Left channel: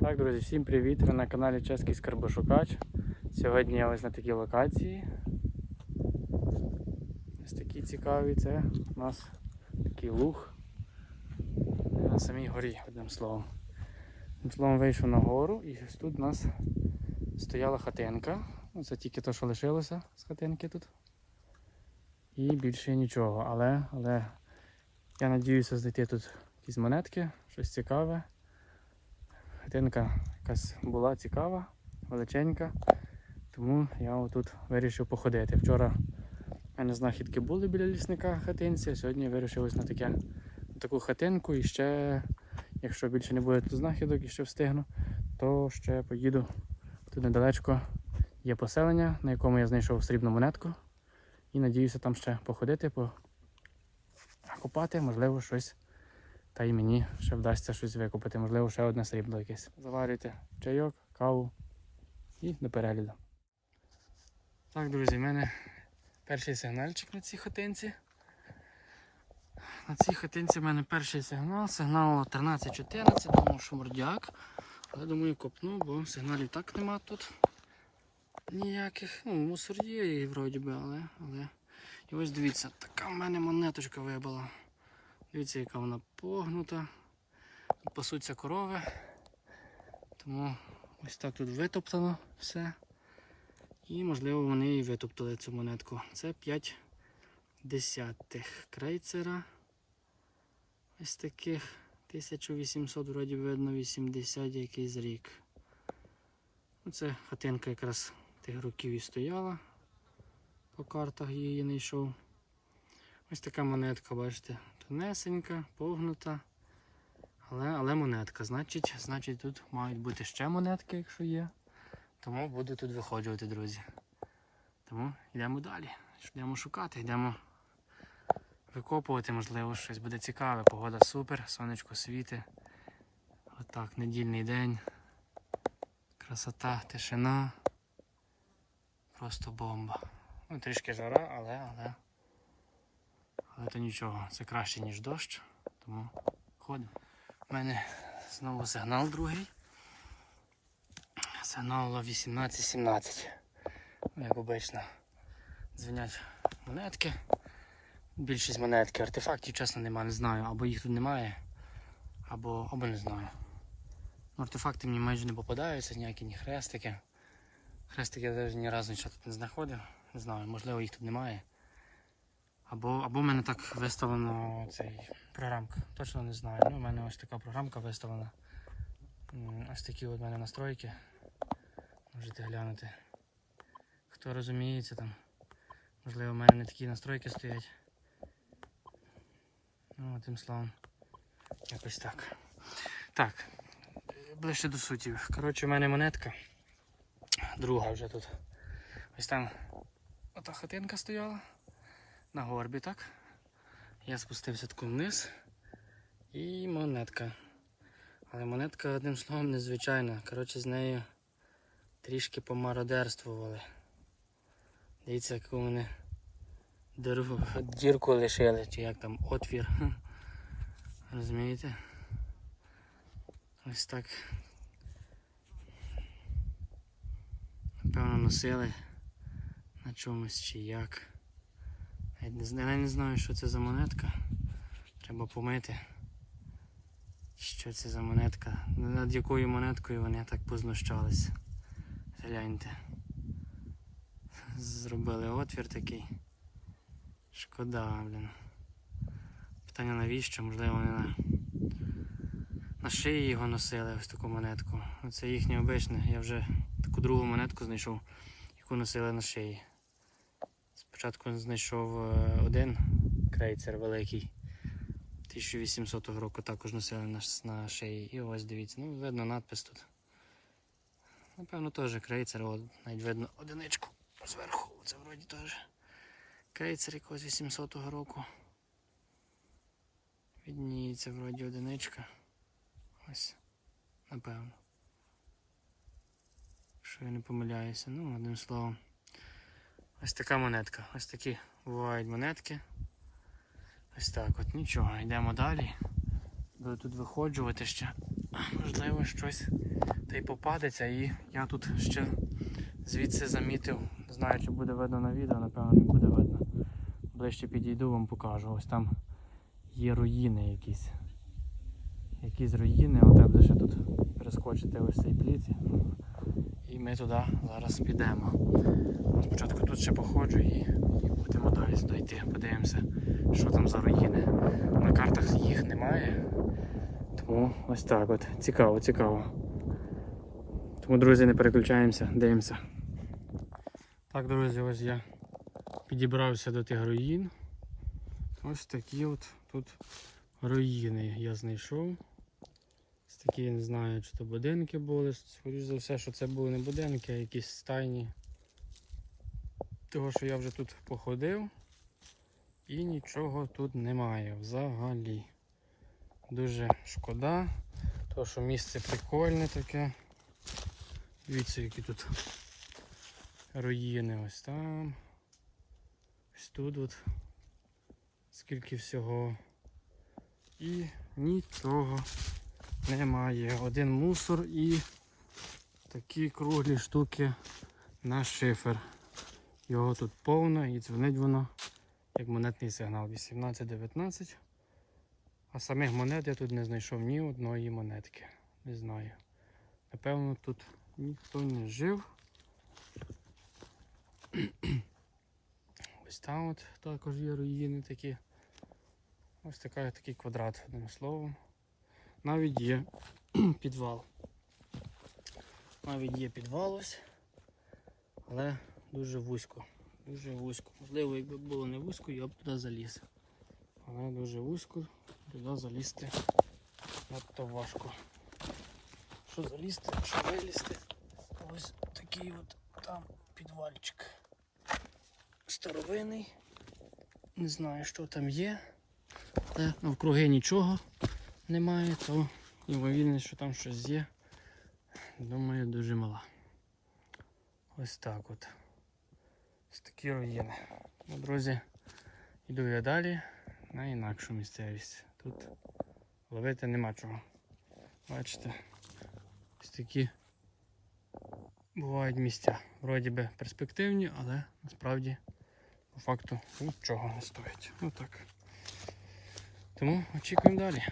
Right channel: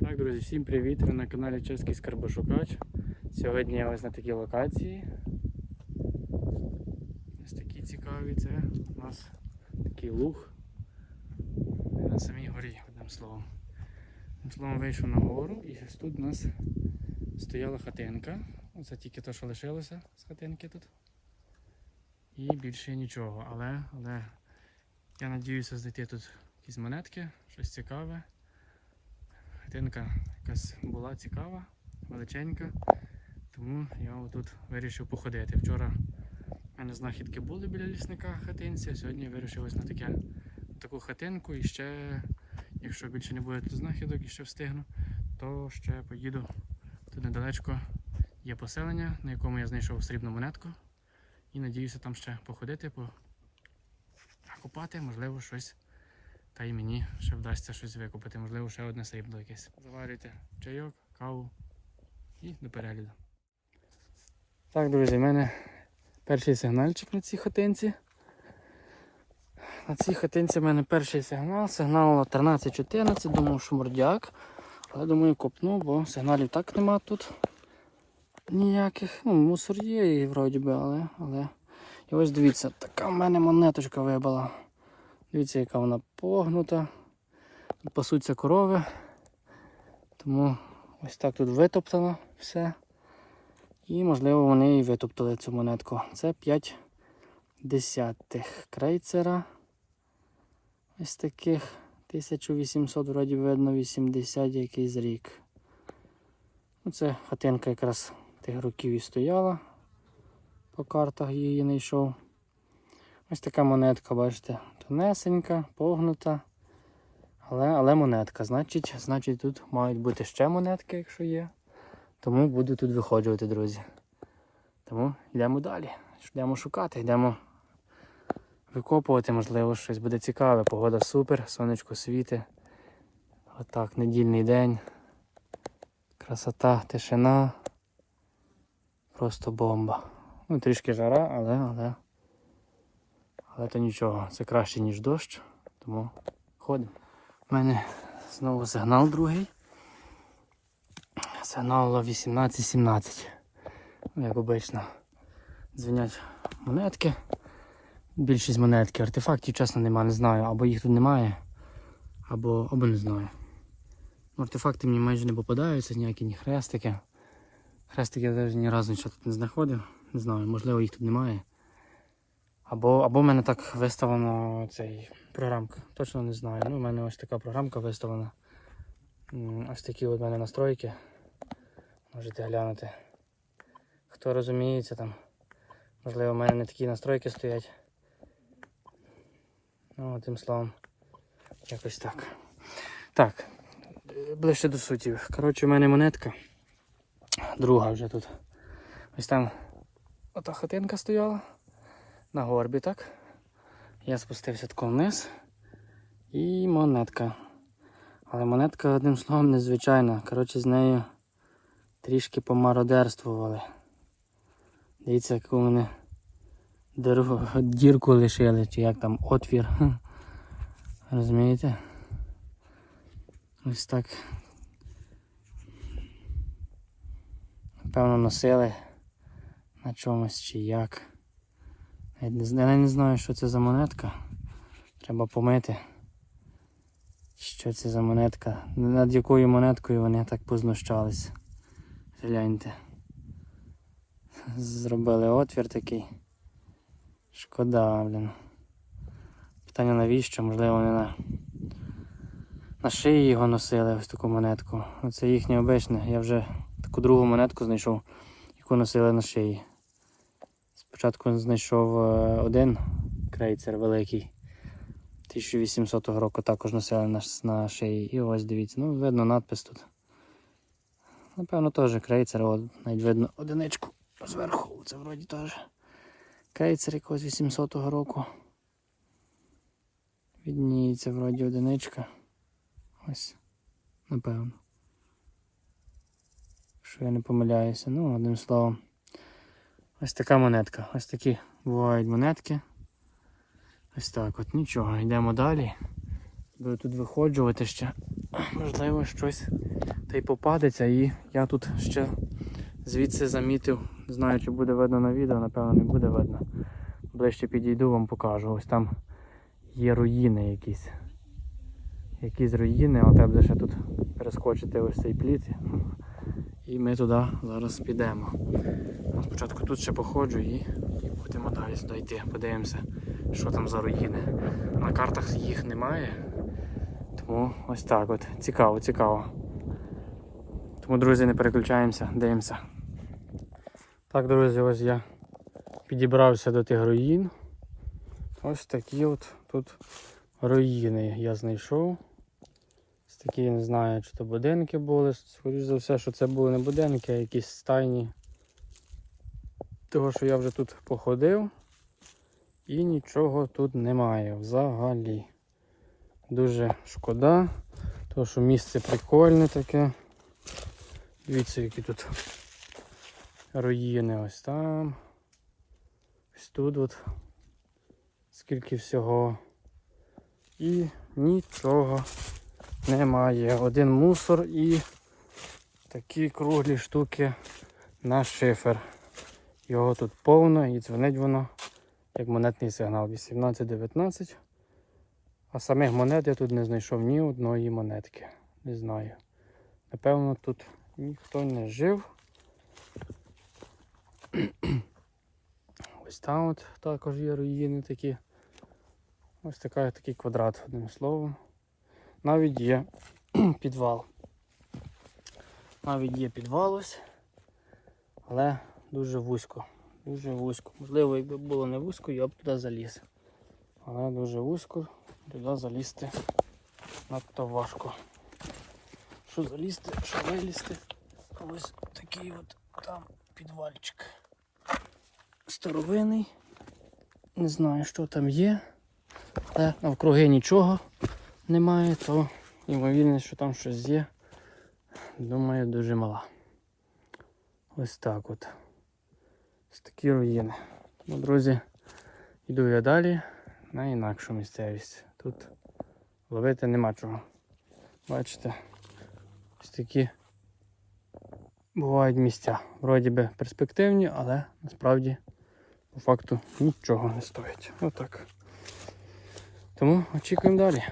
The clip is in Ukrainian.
Так, друзі, всім привіт! Ви на каналі Чеський Скарбошукач. Сьогодні я ось на такій локації. Ось такі цікаві. Це у нас такий луг на самій горі, одним словом. Одним словом, вийшов на гору і ось тут у нас стояла хатинка. Це тільки те, що лишилося з хатинки тут. І більше нічого. Але, але я надіюся знайти тут якісь монетки, щось цікаве. Хатинка якась була цікава, величенька, тому я отут вирішив походити. Вчора в мене знахідки були біля лісника хатинці, а сьогодні вирішив ось на таке, на таку хатинку і ще, якщо більше не буде тут знахідок і ще встигну, то ще поїду тут недалечко. Є поселення, на якому я знайшов срібну монетку. І надіюся там ще походити, покопати, можливо, щось та й мені ще вдасться щось викупити, можливо, ще одне срібло якесь. Заварюйте чайок, каву і до перегляду. Так, друзі, в мене перший сигнальчик на цій хатинці. На цій хатинці в мене перший сигнал. Сигнал 13-14, думав, що мордяк. Але думаю, копну, бо сигналів так нема тут ніяких. Ну, мусор є і вроді би, але, але. І ось дивіться, така в мене монеточка вибила. Дивіться, яка вона погнута. Тут пасуться корови. Тому ось так тут витоптано все. І можливо вони і витоптали цю монетку. Це 5 десятих крейцера. Ось таких 1800, вроді видно, 80 якийсь рік. Ну, Це хатинка якраз тих років і стояла. По картах її не йшов. Ось така монетка, бачите, тонесенька, погнута. Але але монетка. Значить, значить тут мають бути ще монетки, якщо є. Тому буду тут виходжувати, друзі. Тому йдемо далі. Йдемо шукати, йдемо викопувати, можливо, щось буде цікаве. Погода супер, сонечко світи. Отак, недільний день. Красота, тишина. Просто бомба. Ну, трішки жара, але, але. Але то нічого, це краще, ніж дощ, тому ходимо. У мене знову сигнал другий. Сигнал 18-17. Ну, Як обично, дзвонять монетки. Більшість монетки. Артефактів, чесно, немає, не знаю. Або їх тут немає, або, або не знаю. Ну, Артефакти мені майже не попадаються, ніякі ні хрестики. Хрестики я навіть ні разу нічого тут не знаходив. Не знаю, можливо їх тут немає. Або або в мене так виставлено цей програмка. Точно не знаю. Ну, У мене ось така програмка виставлена. Ось такі от у мене настройки. Можете глянути. Хто розуміється там. Можливо, в мене не такі настройки стоять. Ну, тим словом. Якось так. Так, ближче до суті. Коротше, у мене монетка. Друга вже тут. Ось там ота хатинка стояла на горбі, так? Я спустився тако вниз і монетка. Але монетка, одним словом, незвичайна. Коротше, з нею трішки помародерствували. Дивіться, яку вони дорогу, дірку лишили, чи як там отвір. Розумієте? Ось так. Напевно, носили на чомусь чи як. Я не знаю, що це за монетка. Треба помити. Що це за монетка? Над якою монеткою вони так познущались. Гляньте. Зробили отвір такий. Шкода, блін. Питання навіщо? Можливо, вони на, на шиї його носили ось таку монетку. Оце їхнє обичне. Я вже таку другу монетку знайшов, яку носили на шиї. Спочатку знайшов е, один крейцер великий. 1800 року також носили на, на шиї. І ось дивіться, ну видно надпис тут. Напевно, теж крейцер, от, навіть видно одиничку зверху. Це вроді теж крейцер якогось 800 року. Відніється вроді одиничка. Ось, напевно. Що я не помиляюся. Ну, одним словом. Ось така монетка. Ось такі бувають монетки. Ось так от нічого. Йдемо далі. Буду тут виходжувати ще. можливо, щось та й попадеться. І я тут ще звідси замітив, не знаю, чи буде видно на відео, напевно, не буде видно. Ближче підійду, вам покажу. Ось там є руїни якісь. Якісь руїни, от треба ще тут перескочити ось цей пліт. І ми туди зараз підемо. Ну, Спочатку тут ще походжу і, будемо далі сюди йти. Подивимося, що там за руїни. На картах їх немає. Тому ось так от. Цікаво, цікаво. Тому, друзі, не переключаємося, дивимося. Так, друзі, ось я підібрався до тих руїн. Ось такі от тут руїни я знайшов. Ось такі, не знаю, чи то будинки були. Скоріше за все, що це були не будинки, а якісь стайні. Того, що я вже тут походив. І нічого тут немає взагалі. Дуже шкода, тому що місце прикольне таке. Дивіться, які тут руїни ось там. Ось тут от. Скільки всього. І нічого немає. Один мусор і такі круглі штуки на шифер. Його тут повно і дзвонить воно як монетний сигнал 18-19. А самих монет я тут не знайшов ні одної монетки. Не знаю. Напевно, тут ніхто не жив. Ось там от також є руїни такі. Ось така, такий квадрат, одним словом. Навіть є підвал. Навіть є підвал ось, але дуже вузько. Дуже вузько. Можливо, якби було не вузько, я б туди заліз. Але дуже вузько, туди залізти надто важко. Що залізти, що вилізти. Ось такий от там підвальчик. Старовинний. Не знаю, що там є. Але навкруги нічого немає, то ймовірно, що там щось є. Думаю, дуже мала. Ось так от. Такі руїни. Ну, друзі, йду я далі на інакшу місцевість. Тут ловити нема чого. Бачите, ось такі бувають місця. Вроді би перспективні, але насправді по факту нічого не стоять. Отак. Тому очікуємо далі.